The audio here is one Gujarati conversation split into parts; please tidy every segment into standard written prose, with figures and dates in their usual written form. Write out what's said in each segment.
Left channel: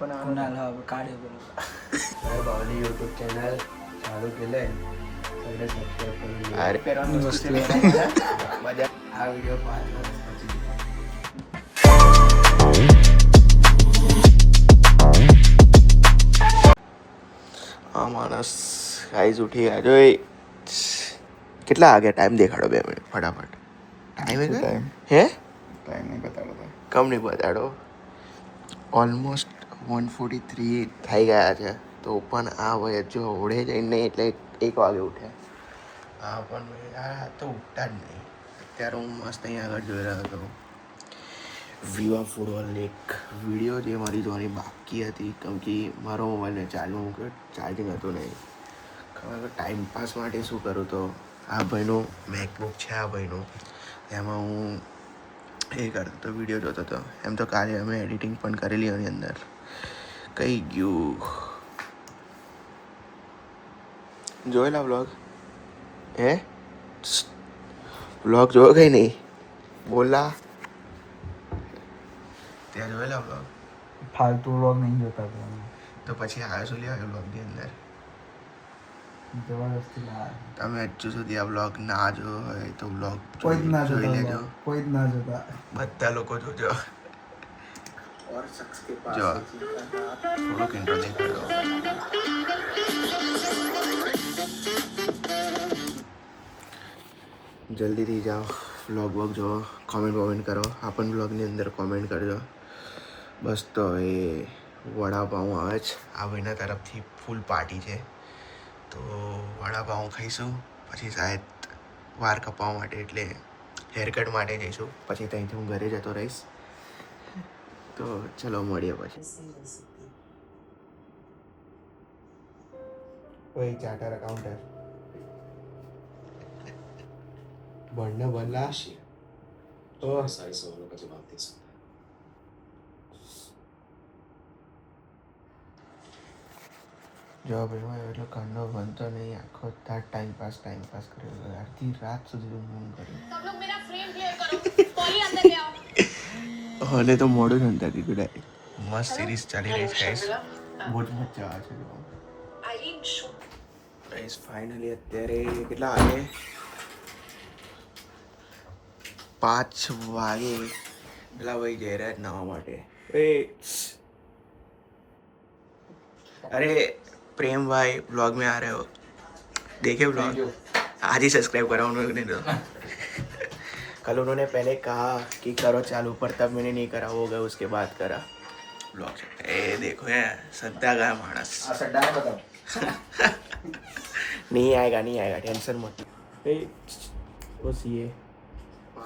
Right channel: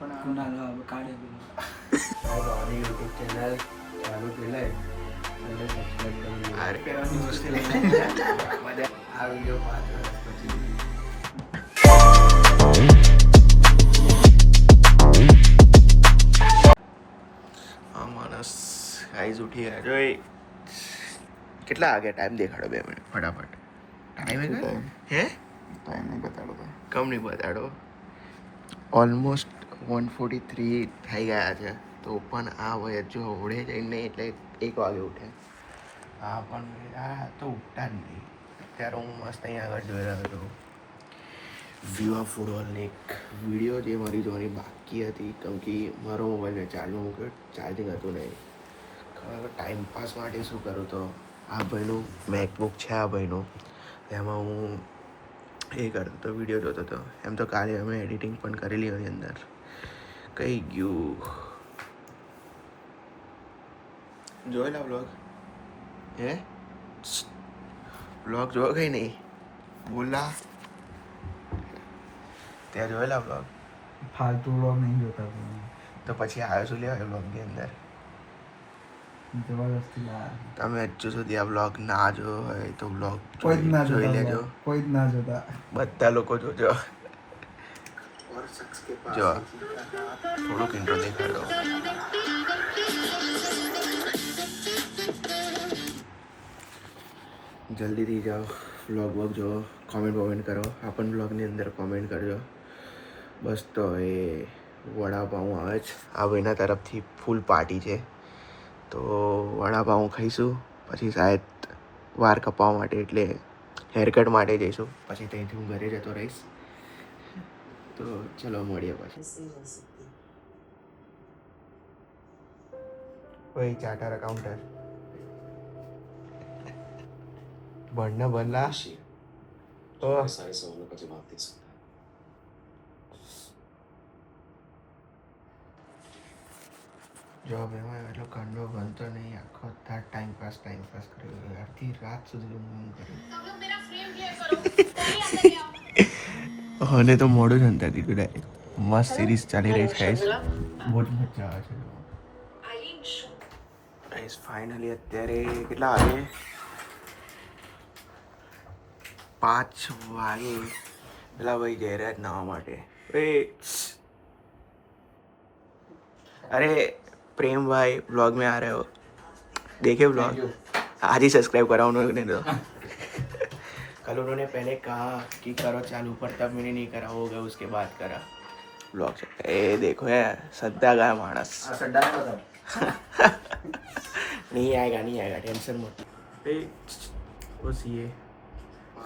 भावानी यूट्यूब चॅनल चालू केलंय, सगळे सबस्क्राईब करून घ्या. हा व्हिडिओ 5 वर्ष પછી હા માણસ ગાઈઝ ઉઠી ગયા જો કેટલા વાગ્યા ટાઈમ દેખાડો 2 મિનિટ ફટાફટ ટાઈમ હે ટાઈમ બતાડો કમ નહીં બતાડો ઓલમોસ્ટ 1:43 થઈ ગયા છે તો પણ આ વય જો ઓળે જઈને એટલે 1 વાગે ઉઠ્યા આ પણ આ તો ઉઠતા જ નહીં અત્યારે હું મસ્ત અહીંયા આગળ જોઈ રહ્યો હતો વિવા ફૂટબોલની એક વિડીયો જે મારી જોવાની બાકી હતી કેમ કે મારો મોબાઈલ ચાર્જિંગ મૂક્યો ચાર્જિંગ હતું નહીં ખબર ટાઈમ પાસ માટે શું કરું તો આ ભાઈનો મેકબુક છે આ ભાઈનો એમાં હું એ કરતો હતો વિડીયો જોતો હતો એમ તો કાલે અમે એડિટિંગ પણ કરેલી એની અંદર કઈ ગયું જોયેલા વ્લોગ હે વ્લોગ જોયો કઈ નહીં બોલા ત્યાં જોયેલા વ્લોગ ફાલતુ વ્લોગ નહીં જોતા તો પછી આવ્યો શું લેવા વ્લોગની અંદર જબરદસ્તી યાર તમે હજુ સુધી આ વ્લોગ ના જોયો હોય તો વ્લોગ કોઈ જ ના જોઈ લેજો કોઈ જ ના જોતા બધા લોકો જોજો જો થોડુંક ઇન્ટ્રો દેખાડો જલ્દીથી જાઓ વ્લોગ જો કોમેન્ટ કરો આ પણ વ્લોગની અંદર કોમેન્ટ કરજો બસ તો એ વડાપાઉં આવે છે આ ભાઈના તરફથી ફૂલ પાર્ટી છે તો વડાપાઉં ખાઈશું પછી શાયદ વાર કપાવવા માટે એટલે હેરકટ માટે જઈશું પછી ત્યાંથી હું ઘરે જતો રહીશ તો ચલો મળીએ પછી ઓય ચાર્ટર અકાઉન્ટર ભણને ભણલા તો જો ભાઈ હું એટલો કંડો બનતો નહીં આખો તાર ટાઈમ પાસ કરેલો અડધી રાત સુધી હું કર્યું તો મોડું નતા દીધું મસ્ત સિરીઝ ચાલી રહી છે બહુ જ મજા આવે છે ફાઇનલી અત્યારે કેટલા વાગે 5 વાગે પેલા ભાઈ જઈ રહ્યા નાવા માટે अरे प्रेम भाई ब्लॉग में आ रहे हो देखे ब्लॉग आज ही सब्सक्राइब करा उन्होंने तो कल उन्होंने पहले कहा कि करो चालू पर तब मैंने नहीं करा हो गया उसके बाद करा ब्लॉग से ए देखो है सद्दा गया मानस नहीं आएगा टेंशन मत बस ये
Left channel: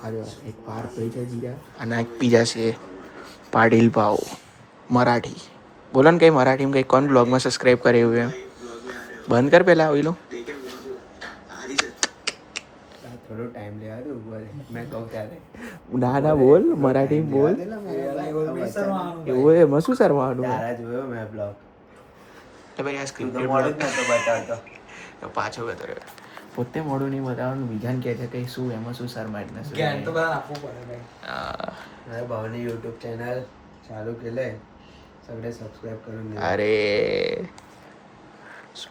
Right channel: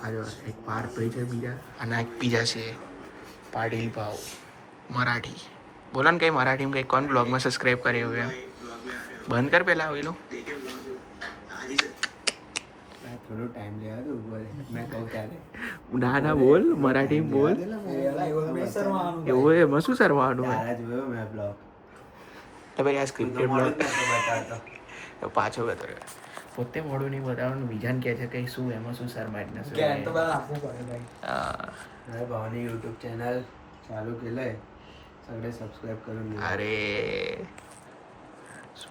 आज एक पार पे बीजा अनाज पीजा से पाटिल पाव मराठी बोला ना कहीं मराठी में कहीं कौन ब्लॉग में सब्सक्राइब करे हुए हैं बंद कर पहला वही लो थोड़ा टाइम ले यार मैं कहूँ क्या ના ના બોલ મરાઠી બોલ એવું એ મસું સરવાનું તારા જોયો મેં બ્લોગ તો ભાઈ આ સ્ક્રિપ્ટેડ બ્લોગ પાછો ગતો રહ્યો પોતે મોડું નહીં બતાવવાનું બીજાને કહે છે કે શું એમાં શું શરમાય ને શું જ્ઞાન તો પણ આપવું પડે હા મેં ભાવની યુટ્યુબ ચેનલ ચાલુ કેલंय सगळे सबस्क्राइब करून घ्या અરે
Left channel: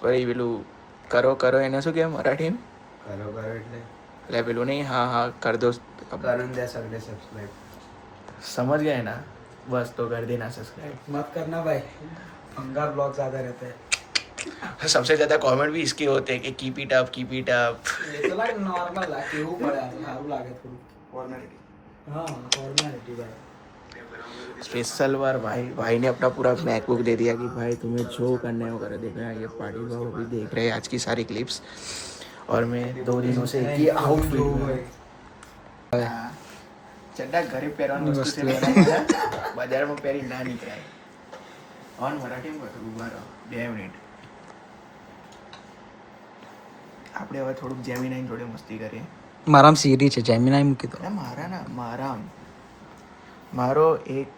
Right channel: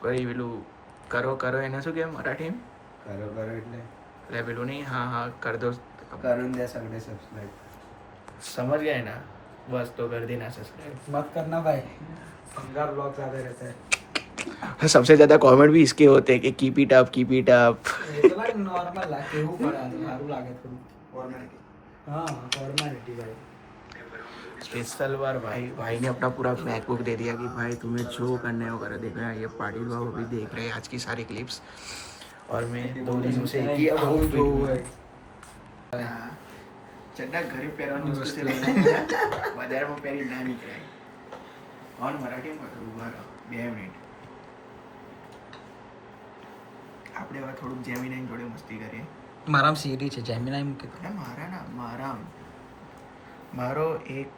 ભાઈ પેલું કરો કરો એને શું કહેવાય મરાઠીમાં करो એટલે એટલે પેલું નહીં હા હા कर दो करून द्या सगळे सबस्क्राइब समझ गए ना बस तो कर देना सब्सक्राइब मत करना भाई फंगा ब्लॉग ज्यादा रहते हैं सबसे ज्यादा कमेंट भी इसके होते हैं कि कीप इट अप ये तो लाइक नॉर्मल है केहू पड़े सारू लागे थोड़ी फॉर्मेलिटी हां फॉर्मेलिटी भाई स्पेशल बार भाई ने अपना पूरा मैकबुक दे दिया कि भाई तुम्हें जो करना है वो करो देखो यार ये पाटिल बाबू अभी देख रहे हैं आज की सारी क्लिप्स और मैं 2 दिनों से एक ही आउटफिट चड्डा घरे પહેરવાનું વસ્તુ છે બજારમાં પહેરી ના નીકળાય ઓન મરાઠીમાં કરું ઉભા રહો 2 મિનિટ આપણે હવે થોડુંક જેમિનાઈ જોડે મસ્તી કરીએ મારામ સીરી છે જેમિનાઈ મૂકી દો મારો એક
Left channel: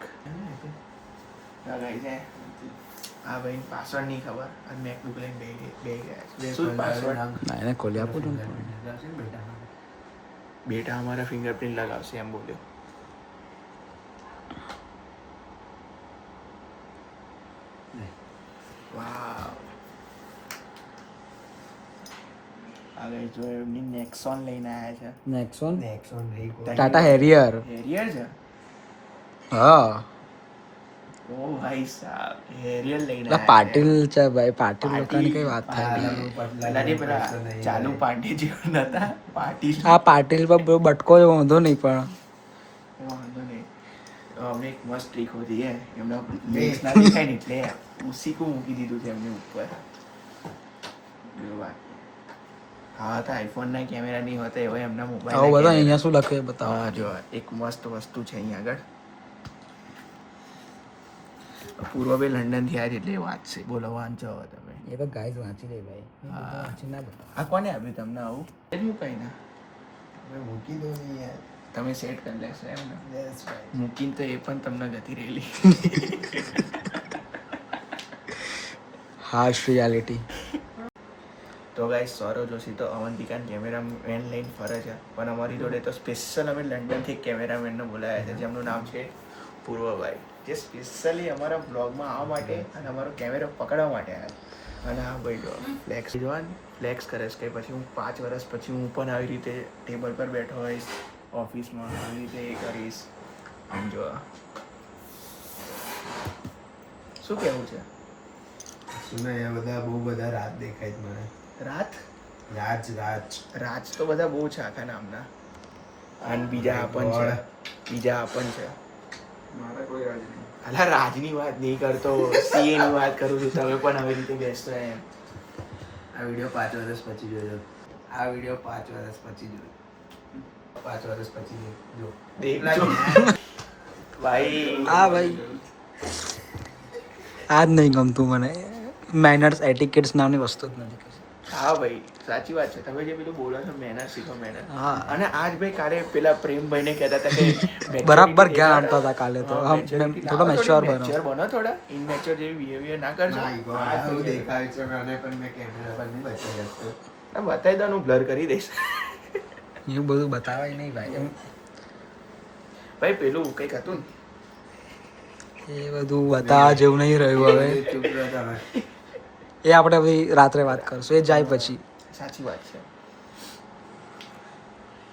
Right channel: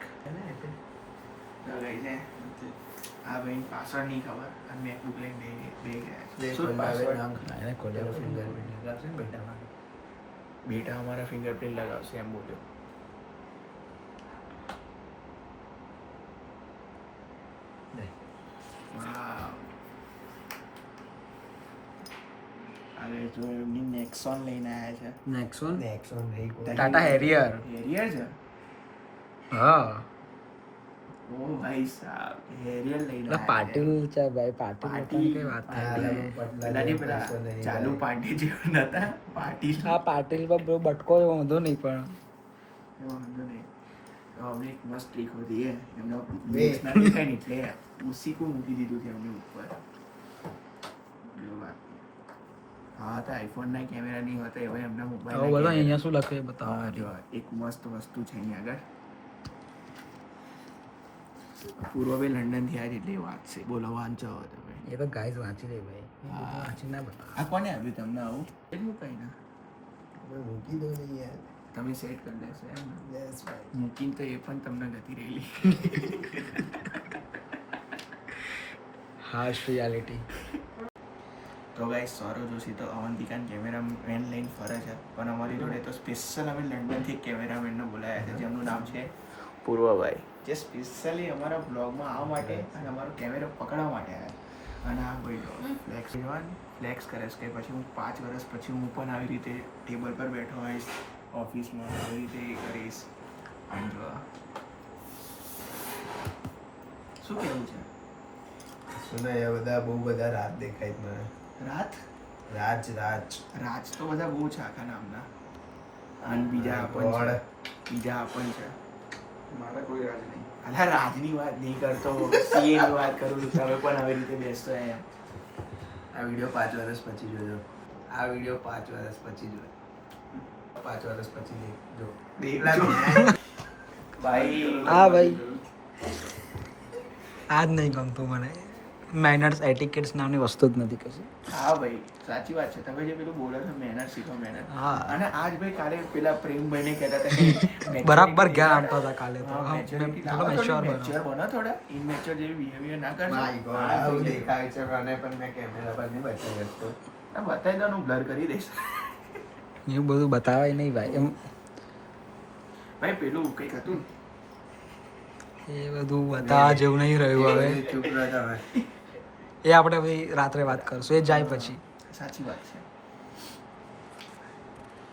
આ ભાઈ પાસવર્ડ નહીં ખબર અને મેકબુક લઈને બે ગયા શું પાસવર્ડ ના એને ખોલી આપો બેટા हमारा फिंगरप्रिंट लगावશે એમ બોલ્યો હવે જો એમની નેક્સોન લઈને આવ્યા છે. નેક્સોન નહીં, ટાટા હેરિયર હેરિયર છે. હા ઓ ભાઈ સાહેબ, હેરિયર લઈને એટલે પાટીલ છે ભાઈ, પાટીલ લોકોની કઈ વાત થાય. ચાલુ પાટી જેવું નતા પાટીલ. આ પાટીલ પર બહુ બટકો એવો વાંધો નહીં, પણ વાંધો નહીં. તો અમે એક મસ્ત ટ્રીક હોતી હે એમનો બેસ ના દેખાય ને એટલે ઉસી કો મૂકી દીધું છે એમની ઉપર. હા તો આઈફોન ના કેમેરા નહીં હોતા એવો એમના મોબાઈલ. આવો બધા અહીંયા શું લખે બતાવો. જો એક મસ્ત વસ્તુ છે અહીંયા આગળ. પૂર્વભાઈ લંડન થી આવ્યા એટલે વાત છે. બોલો વાંચો તમે. એ તો ગાઈઝ વાંચી લે ભાઈ, વાંચી ના બતાવો. આ કોને આપ્યું તમને આવું? એટલું કઈ ના મૂકી દો ને યાર. તમે સેટ કરી લેશો એમ ને? યસ ભાઈ. મૂકીને તો એ પણ તમને ગતિ રહેલી. Harsh reality. તો ગાઈસ સૌરવ જોશી તો અવંતિકાના કેમેરામેન લઈને ફરે છે, પણ અમારી જોડે તો સ્પેશિયલ અમે લંડનથી કેમેરામેનને બોલાવ્યા છે જેમનું નામ છે પૂર્વભાઈ, જે સ્પેશિયલી અમારા બ્લોગમાં આવવા માટે અને અમારો કેમેરો પકડવા માટે આવ્યા. અને હા ભાઈ જો ફ્લેક્સ જોવાનું ફ્લેક્સ કરે છે કે પછી હું 5 વર્ષ પછી હું પણ આવી રીતે ટેબલ પર બેઠો હોઈશ ઓફિસમાં, આવી રીતે એ કરીશ. આમ જો શું કહેવું છે? સુનો એ બધા બહુ બધા રાત દેખાય છે મને. રાત રાજ તો બધા બહુ છે આખા નામના. અને બીજા આપણ છે. મારા કોઈ રાજ નહીં. અલા રાજની વાત નહીં કરતો, સીએ ની વાત કરું છું. તમે પણ આવી રીતે બેસતો યાર. આ વિડીયો 5 વર્ષ પછી જોજો. આ વિડીયો 5 વર્ષ પછી જોજો. 5 વર્ષ પછી જો. ભાઈ હા ભાઈ, આ જ નહીં ગમતું મને. મેનર્સ એટિકેટ્સ નામની વસ્તુ જ નથી કશું. હા ભાઈ સાચી વાત છે. તમે જે પેલું બોલો છો મેનર શીખો મેનર. હા. અને આજ ભાઈ કાલે પેલા પ્રેમભાઈને કહેતા હતા કે બરાબર જ્ઞાન આપતા હતા કાલે તો. થોડો મેચ્યોર બનો. બનો થોડા ઇનમેચ્યોર જેવી બિહેવિયર ના કરજો. આવું દેખાય છે મને, પણ મેં કેમેરા પર નહીં બતાવી શકતો. બતાવી દો, હું બ્લર કરી દઈશ. એવું બધું બતાવાય નહીં ભાઈ. એમ ભાઈ પેલું કંઈક હતું એ બધું બતાવવા જેવું નહીં રહ્યું હવે. ચૂપ રહો તમે. એ આપણે પછી રાત્રે વાત કરશું, એ જાય પછી. સાચી વાત છે.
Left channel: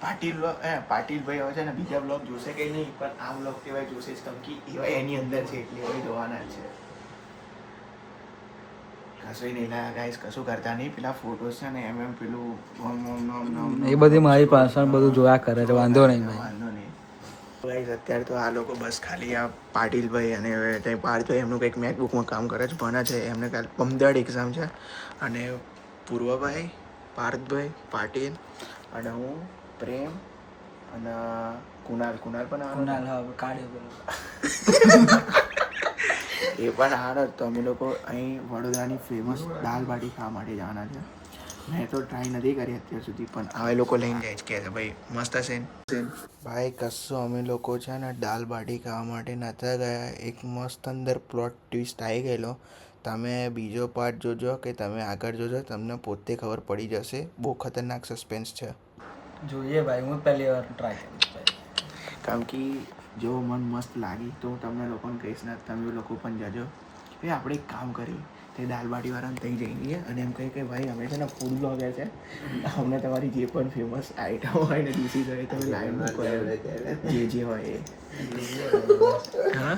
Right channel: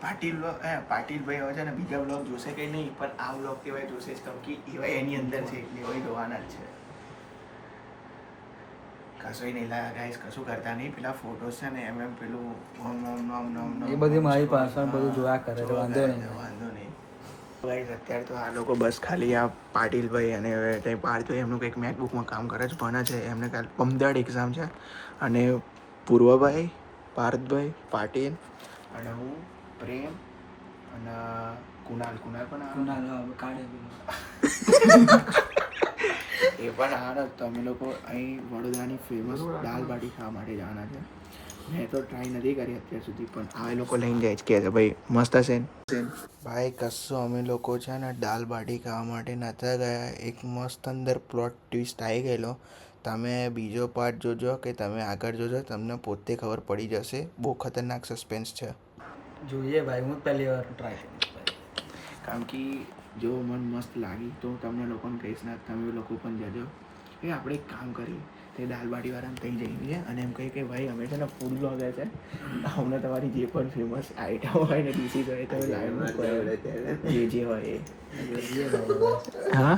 પાટીલભાઈ હવે છે ને બીજા બ્લોગ જોશે કે નહીં, પણ આ બ્લોગ કેવાય જોશે જ, કેમ કે એવા એની અંદર છે એટલે એવા જોવાના જ છે. કશું નહીં લાયા ગાઈસ, કશું કરતા નહીં. પેલા ફોટોસ છે ને એમ પેલું એ બધી મારી પાસે બધું જોયા કરે છે, વાંધો નહીં ભાઈ. વાંધો નહીં ગાઈસ. અત્યારે તો આ લોકો બસ ખાલી આ પાટીલભાઈ અને પાર્થભાઈ એમનું કંઈક મેકબુકમાં કામ કરે છે, ભણે છે. એમને કાલે પમદાડ એક્ઝામ છે. અને પૂર્વભાઈ, પાર્થભાઈ, પાટીલ અને હું, પ્રેમ અને કુણાલ પણ એ પણ હારો. તો અમે લોકો અહીં વડોદરાની ફેમસ દાલ બાટી ખાવા માટે જવાના છે. મેં તો ટ્રાય નથી કરી અત્યાર સુધી, પણ હવે લોકો લઈને જાય છે કે છે ભાઈ મસ્ત હશે ને. ભાઈ કશું અમે લોકો છે ને દાલ બાટી ખાવા માટે નતા ગયા. એક મસ્ત અંદર પ્લોટ ટ્વિસ્ટ આવી ગયેલો. તમે બીજો પાર્ટ જોજો કે તમે આગળ જોજો, તમને પોતે ખબર પડી જશે. બહુ ખતરનાક સસ્પેન્સ છે. જોઈએ ભાઈ, હું પહેલી વાર ટ્રાય કરીશ. કારણ કે જો મન મસ્ત લાગી તો તમને લોકોને કહીશ ને, તમે લોકો પણ જજો. એ આપણે એક કામ કરી તે દાલબાટીવાળાને ત્યાં જઈએ અને એમ કહે કે ભાઈ અમે છે ને ફૂડ બ્લોગર છે, અમને તમારી જે પણ ફેમસ આઈટમ હોય ને ડીશીસ હોય તો લાઈવમાં જે હોય એ. હા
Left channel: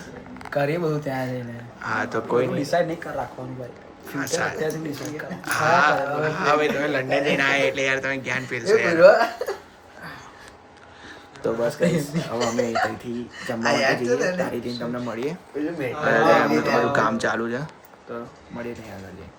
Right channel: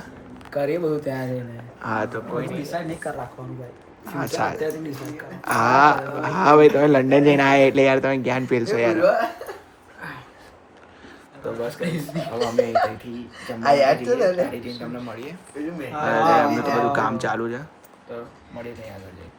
કરીએ બધું ત્યાં જઈને. હા તો કોઈ નહીં. ડિસાઈડ નહીં કરી રાખવાનું ભાઈ. હા સારું. અત્યારથી ડિસાઈડ કરો. હા ભાઈ તમે લંડન જઈને આવ્યા એટલે યાર તમે જ્ઞાન પીરશો યાર. તો બસ કહીશ હવે અમે અહીંથી જમવા તમને મળીએ. એમનું તો બધું કામ ચાલુ છે, તો મળીએ ત્યાં આગળ જઈએ.